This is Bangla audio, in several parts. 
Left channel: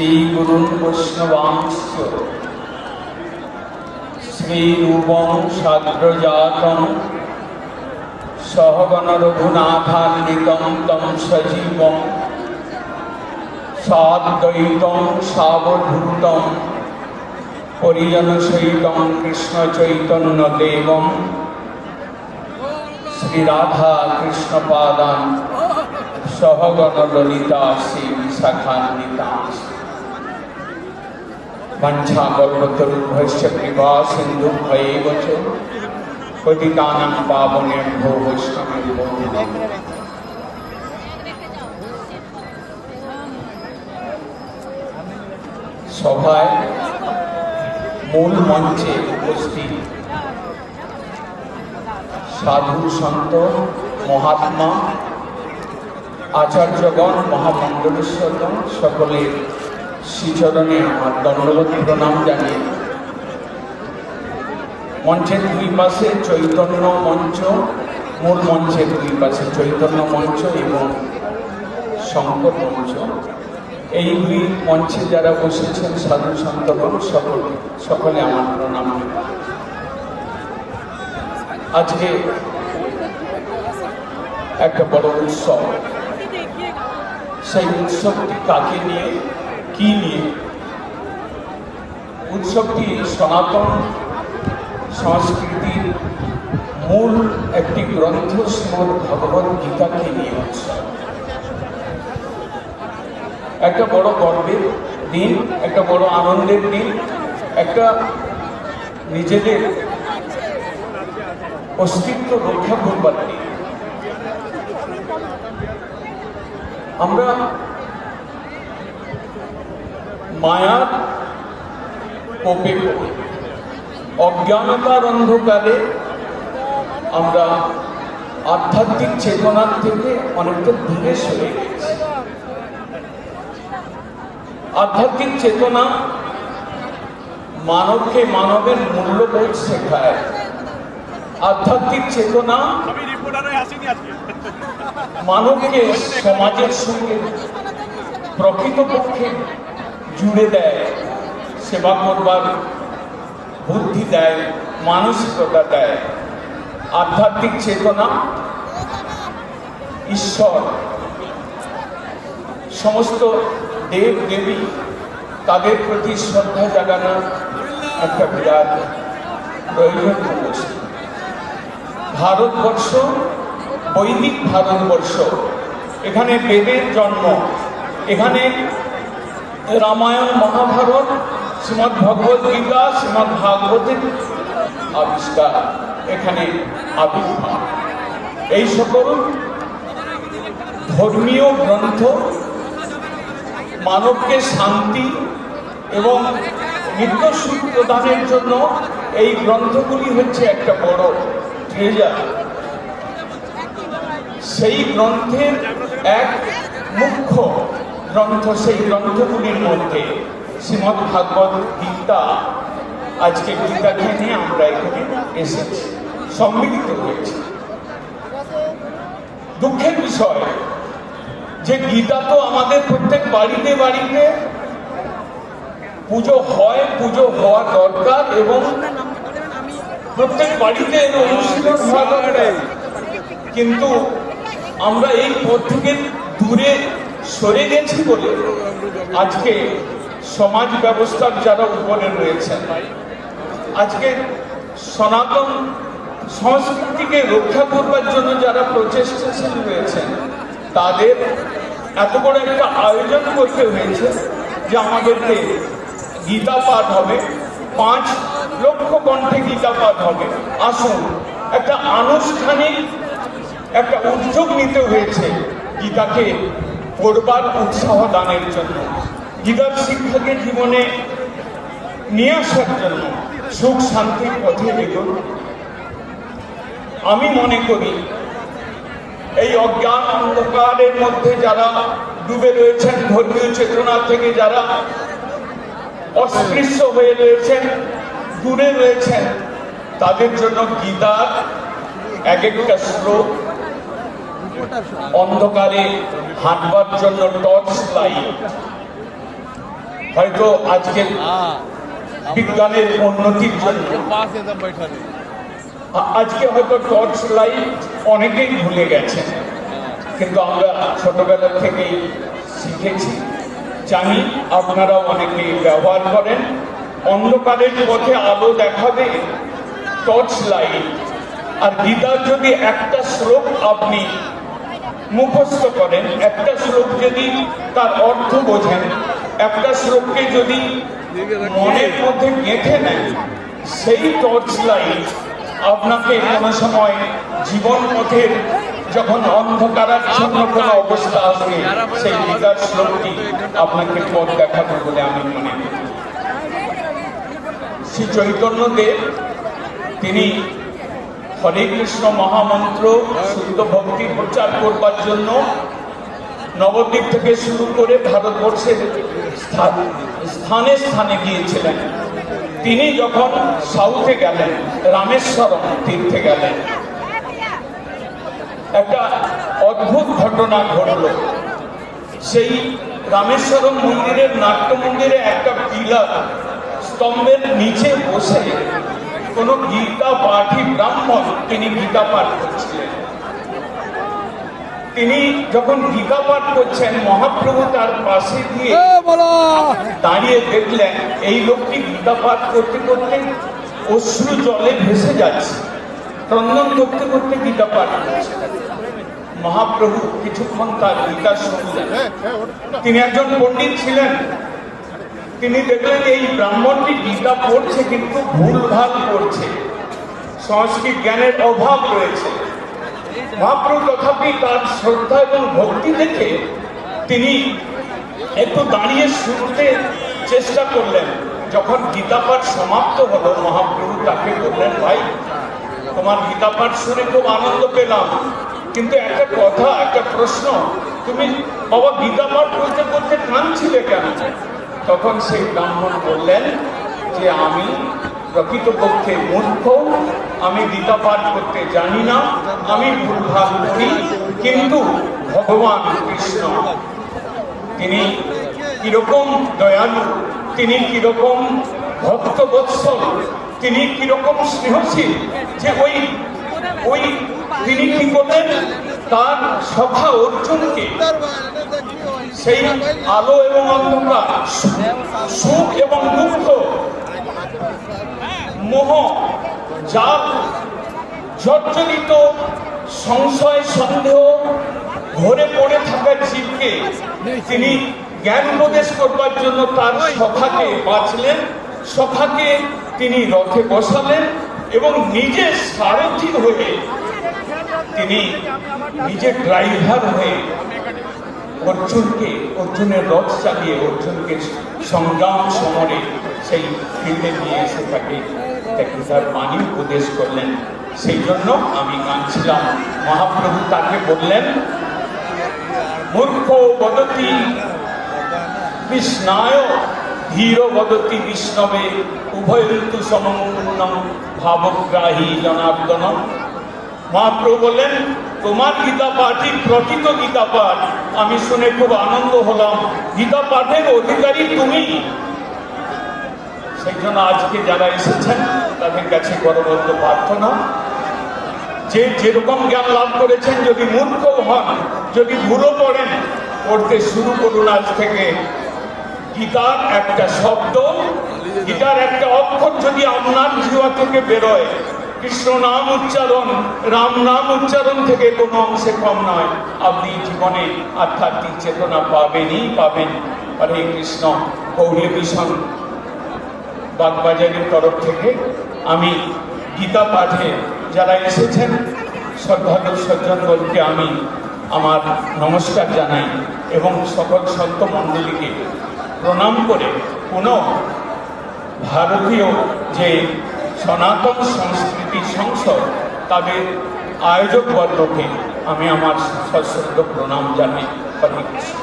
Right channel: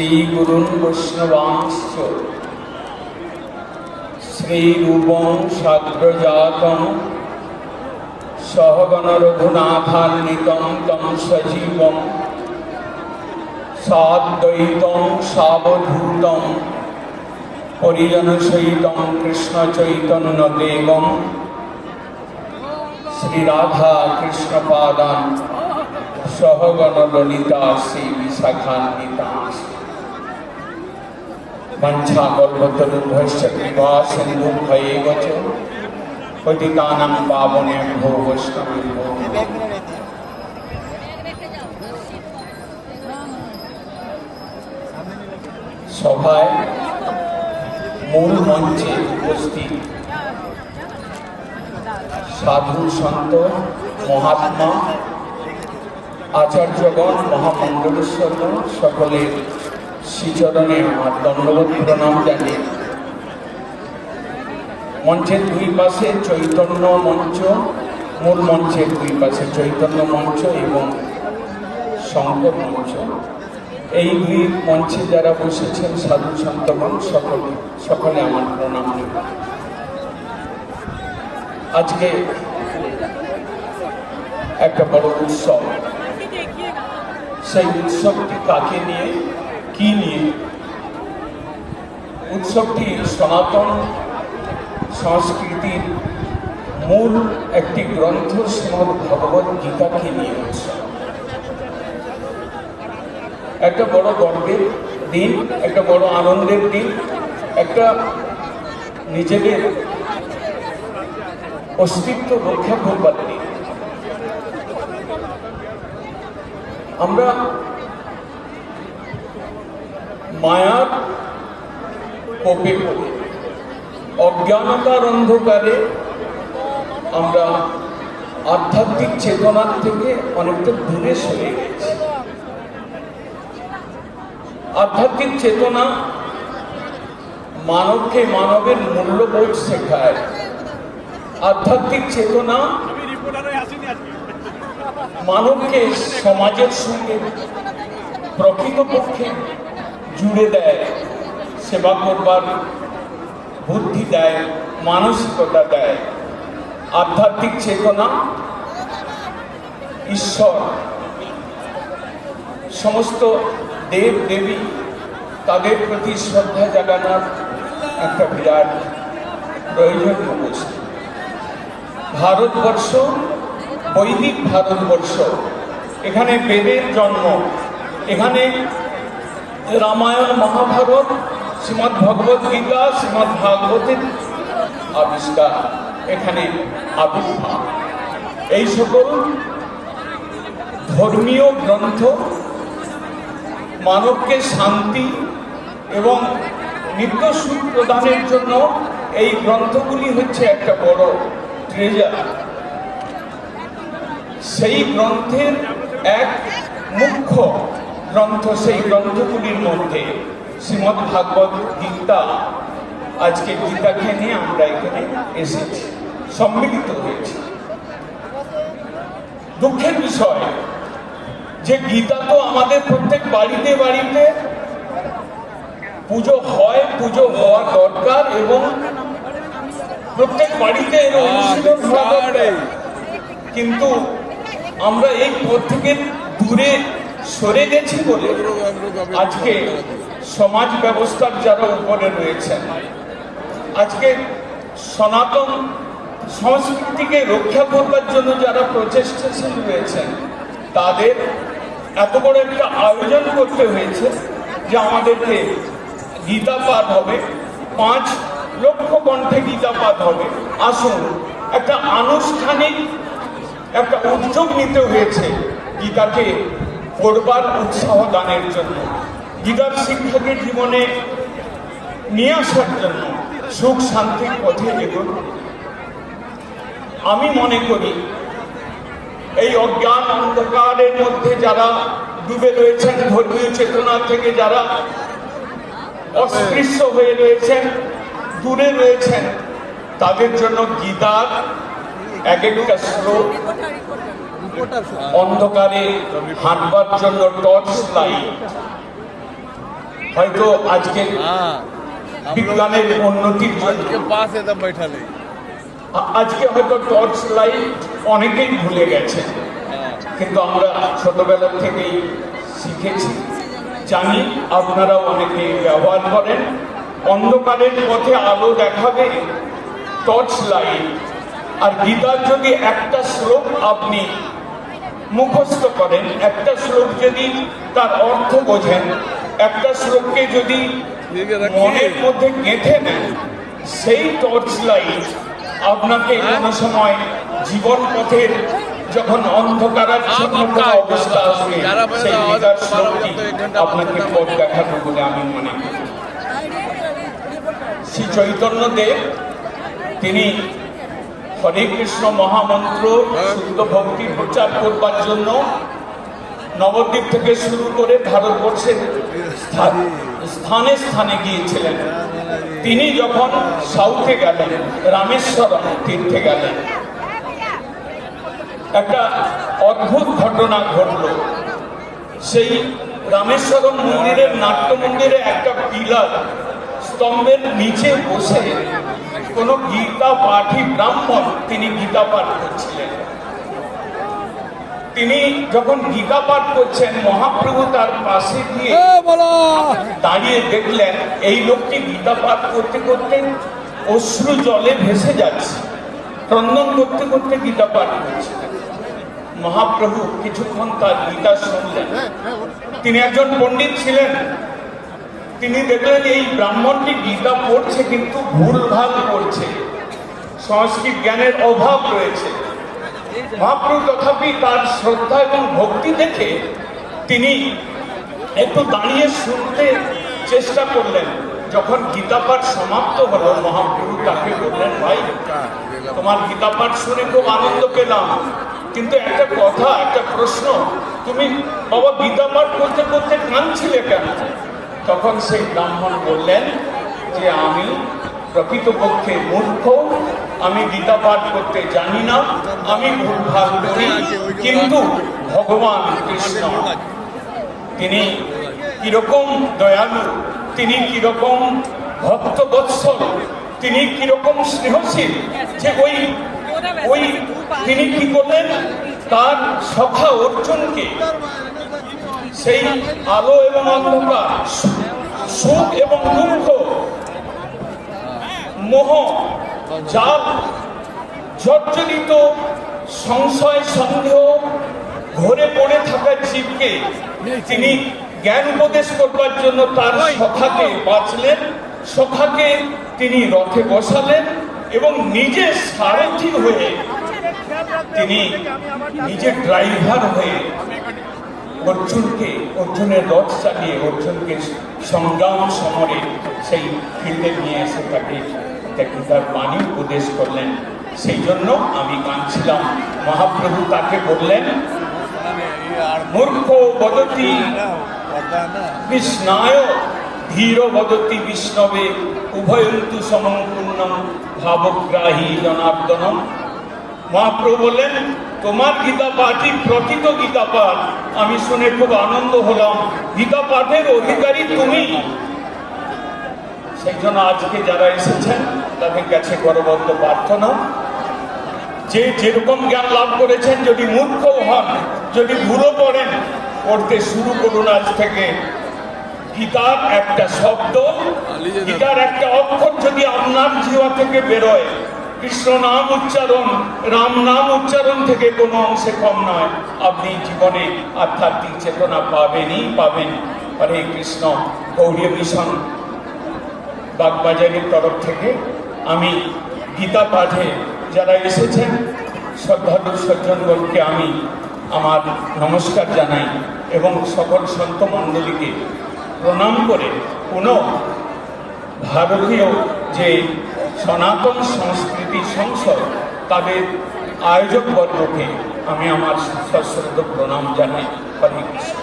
श्रीगुरुन् वैष्णवांश्च श्रीरूपं साग्रजातं सहगण रघुनाथान्वितं तं सजीवं साद्वैतं सावधूतं परिजनसहितं कृष्णचैतन्यदेवं श्रीराधा कृष्णपादान् सहगण ललिता श्रीविशाखान्वितांश्च वंशाकल्पतरुभ्यश्च कृपा सिन्धुभ्यैव च पतितानां पावनेभ्यो वैष्णवेभ्यो সভায় মূল মঞ্চে উপস্থিত সাধু সন্ত মহাত্মা আচার্যগণ মহামণ্ডলেশ্বরগণ সকলের শ্রীচরণে আমার দণ্ডবোধ প্রণাম জানিয়ে মঞ্চের দুই পাশে চৈতন্য মঞ্চ, মূল মঞ্চের দুই পাশে চৈতন্য মঞ্চ এবং শঙ্কর মঞ্চ, এই দুই মঞ্চে যারা বসেছেন সাধু সন্তগণ সকলে আমার প্রণাম। আজকে একটা বড় উৎসব, সেই উৎসবটি কাকে নিয়ে, কি নিয়ে? উৎসবটি সনাতন সংস্কৃতির মূল একটি গ্রন্থ শ্রীমদ্ ভগবদ গীতাকে নিয়ে উৎসব। একটা বড় গর্বের দিন, একটা বড় আনন্দের দিন, একটা নিজেদের অস্তিত্ব রক্ষা করবার দিন। আমরা মায়ার কোপে পড়ে অজ্ঞানতার অন্ধকারে আমরা আধ্যাত্মিক চেতনার থেকে অনেকটা দূরে সরে গেছি। আধ্যাত্মিক চেতনা মানবকে মানবের মূল্যবোধ শেখায়। আধ্যাত্মিক চেতনা মানবকে সমাজের সঙ্গে প্রকৃতপক্ষে জুড়ে দেয়, সেবা করবার বুদ্ধি দেয়, মানসিকতা দেয়। আধ্যাত্মিক চেতনা ঈশ্বর, সমস্ত দেব দেবী, তাদের প্রতি শ্রদ্ধা জাগানোর একটা বিরাট প্রয়োজন রয়েছে। ভারতবর্ষ, বৈদিক ভারতবর্ষ, এখানে বেদের জন্ম, এখানে রামায়ণ মহাভারত, শ্রীমদ্ ভগবদ গীতা, শ্রীমদ্ ভাগবতের আবিষ্কার, এখানে আবির্ভাব। এই সকল ধর্মীয় গ্রন্থ মানবকে শান্তি এবং নিত্য সুখ প্রদানের জন্য এই গ্রন্থগুলি হচ্ছে একটা বড় ট্রেজার। সেই গ্রন্থের এক মুখ্য গ্রন্থ, সেই গ্রন্থগুলির মধ্যে শ্রীমদ্ ভাগবত গীতা। আজকে গীতাকে নিয়ে আমরা এখানে এসেছি, সম্মিলিত হয়েছি। দুঃখের বিষয় যে গীতা তো আমাদের প্রত্যেক বাড়িতে বাড়িতে পুজো হয়, পুজো হওয়া দরকার এবং প্রত্যেক বাড়িতে অনুশীলন হওয়া দরকার। কিন্তু আমরা এই পথ থেকে দূরে সরে গেছি বলে আজকে সমাজ ব্যবস্থার যারা উপরে রয়েছেন, আজকে সনাতন সংস্কৃতিকে রক্ষা করবার জন্য যারা প্রচেষ্টাশীল রয়েছেন, তাদের এত বড় একটা আয়োজন করতে হয়েছে যে আমাদেরকে গীতা পাঠ হবে, 5 লক্ষ কণ্ঠে গীতা পাঠ হবে। আসুন, একটা আনুষ্ঠানিক একটা উদ্যোগ নিতে হয়েছে গীতাকে পড়বার উৎসাহ দানের জন্য, গীতার শিক্ষাকে জীবনে নিয়ে আসার জন্য, সুখ শান্তির পথে এগোন। আমি মনে করি এই অজ্ঞান অন্ধকারের মধ্যে যারা ডুবে রয়েছেন, ধর্মীয় চেতনা থেকে যারা অস্পৃশ্য হয়ে রয়েছেন, দূরে রয়েছেন, তাদের জন্য গীতার এক একটা শ্লোক অন্ধকারে হাঁটবার জন্য টর্চ লাইট, হয়তো আজকে বিজ্ঞানের উন্নতির জন্য আজকে হয়তো টর্চ লাইট অনেকেই ভুলে গেছে, কিন্তু আমরা ছোটবেলা থেকেই শিখেছি, জানি আপনারা অনেকেই ব্যবহার করেন। অন্ধকারের পথে আলো দেখাবে টর্চ লাইট। আর গীতার যদি একটা শ্লোক আপনি মুখস্থ করেন, একটা শ্লোক যদি তার অর্থ বোঝেন, একটা শ্লোককে যদি মনের মধ্যে গেঁথে নেন, সেই টর্চ লাইট আপনাকে কোনো সময় জীবন পথের যখন অন্ধকারাচ্ছন্ন কোনো অবস্থা আসবে, সেই গীতার শ্লোকটি আপনাকে পথ দেখাবে বলে আমি মনে করি। শ্রী চৈতন্যদেব তিনি হরে কৃষ্ণ মহামন্ত্র শুদ্ধ ভক্তি প্রচার করবার জন্য নবদ্বীপ থেকে শুরু করে ভারতবর্ষের স্থানে স্থানে গিয়েছিলেন। তিনি যখন সাউথে গেলেন, রামেশ্বরম তীর্থে গেলেন, একটা অদ্ভুত ঘটনা ঘটল। সেই রামেশ্বরম মন্দিরের নাট্য মন্দিরে একটা পিলার স্তম্ভের নিচে বসে কোন গীতা পাঠী ব্রাহ্মণ তিনি গীতা পাঠ করছিলেন। তিনি যখন গীতা পাঠ করছেন, মহাপ্রভু তার পাশে গিয়ে দাঁড়িয়ে দেখলেন এই লোকটি গীতা পাঠ করতে করতে অশ্রু জলে ভেসে যাচ্ছে, ক্রন্দন করতে করতে গীতা পাঠ করছে। মহাপ্রভু কিছুক্ষণ তার গীতা শুনলেন। তিনি একজন পণ্ডিত ছিলেন। তিনি দেখলেন এই ব্রাহ্মণটি গীতা পড়ছে কিন্তু ভুলভাল করছে, সংস্কৃত জ্ঞানের অভাব রয়েছে। মহাপ্রভু তথাপি তার শ্রদ্ধা এবং ভক্তি দেখে তিনি একটু দাঁড়িয়ে শুনতে চেষ্টা করলেন। যখন গীতা পাঠ সমাপ্ত হলো, মহাপ্রভু তাকে বললেন, ভাই তোমার গীতা পাঠ শুনে খুব আনন্দ পেলাম, কিন্তু একটা কথা, একটা প্রশ্ন, তুমি বাবা গীতা পাঠ করতে করতে কাঁদছিলে কেন? তখন সেই ব্রাহ্মণ বললেন যে আমি প্রকৃতপক্ষে মূর্খ, আমি গীতা পাঠ করতে জানি না, আমি ভুলভাল করি, কিন্তু ভগবান কৃষ্ণ তিনি কিরকম দয়ালু, তিনি কিরকম ভক্তবৎসল, তিনি কিরকম স্নেহশীল, যে ওই তিনি কি করলেন, তার সখা অর্জুনকে সেই আলো এবং অন্ধকার, সুখ এবং দুঃখ, মোহ, জাল, জর্জরিত সংশয় সন্দেহ ঘরে পড়ে থাকা জীবকে তিনি জ্ঞান প্রবেশ করবার জন্য তার সখাকে বাঁচলেন, সখাকে তিনি রথে বসালেন এবং নিজে সারথি হয়ে, তিনি নিজে ড্রাইভার হয়ে অর্জুনের রথ চালিয়ে অর্জুনকে সংগ্রাম সমরে সেই ফিল্ডে নিয়ে এসে তাকে গীতার বাণী উপদেশ করলেন। সেই জন্য আমি কাঁদছিলাম। মহাপ্রভু তাকে বললেন, মূর্খ বদতি কৃষ্ণায় ধীর বদতি বিষ্ণবে উভয়ন্তু সমং পূর্ণম ভাবগ্রাহী জনার্দনম। মহাপ্রভু বললেন, তোমার গীতা পাঠই প্রকৃত গীতা পাঠ, আমি শুনে খুব আনন্দ হলাম, গীতা পাঠের অধিকারী তুমি। সেই জন্য আজকে যারা এসেছেন তাদের কাছে করবদ্ধ প্রার্থনা, যে যেরকম জ্ঞান লাভ করেছেন, যদি মূর্খ হন, যদি ভুলও পড়েন, পড়তে শুরু করুন আজ থেকে। গীতার একটা শব্দ, গীতার একটা অক্ষর যদি আপনার জীবন থেকে বেরোয়, কৃষ্ণ নাম উচ্চারণ, রাম নাম উচ্চারণ থেকে কোনো অংশে কম নয়, আপনি জীবনে আধ্যাত্মিক চেতনা পাবেনই পাবেন। হরে কৃষ্ণ। গৌড়ীয় মিশন বাগবাজারের তরফ থেকে আমি গীতা পাঠে যারা এসেছেন শ্রদ্ধালু সজ্জনগণকে আমি আমার নমস্কার জানাই এবং সকল সন্ত মণ্ডলীকে প্রণাম করে কোনো ভারতীয় যে সনাতন সংস্কৃতি সংসদ তাদের আয়োজক বর্গকে আমি আমার সশ্রদ্ধ প্রণাম জানাই। হরে কৃষ্ণ।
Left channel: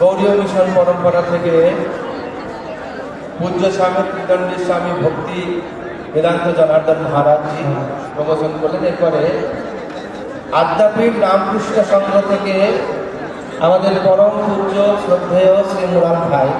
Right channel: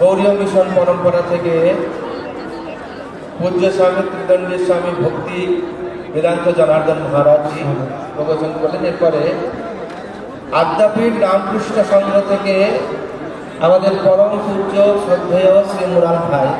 গৌড়ীয় মিশন পরম্পরা থেকে পূজ্য স্বামী কৃতানন্দ স্বামী ভক্তি বেদান্ত জনার্দন মহারাজ প্রবচন করলেন। এরপরে আদ্যাপীঠ রামকৃষ্ণ সংঘ থেকে আমাদের পরম পূজ্য শ্রদ্ধেয় শ্রী মুরাল ভাই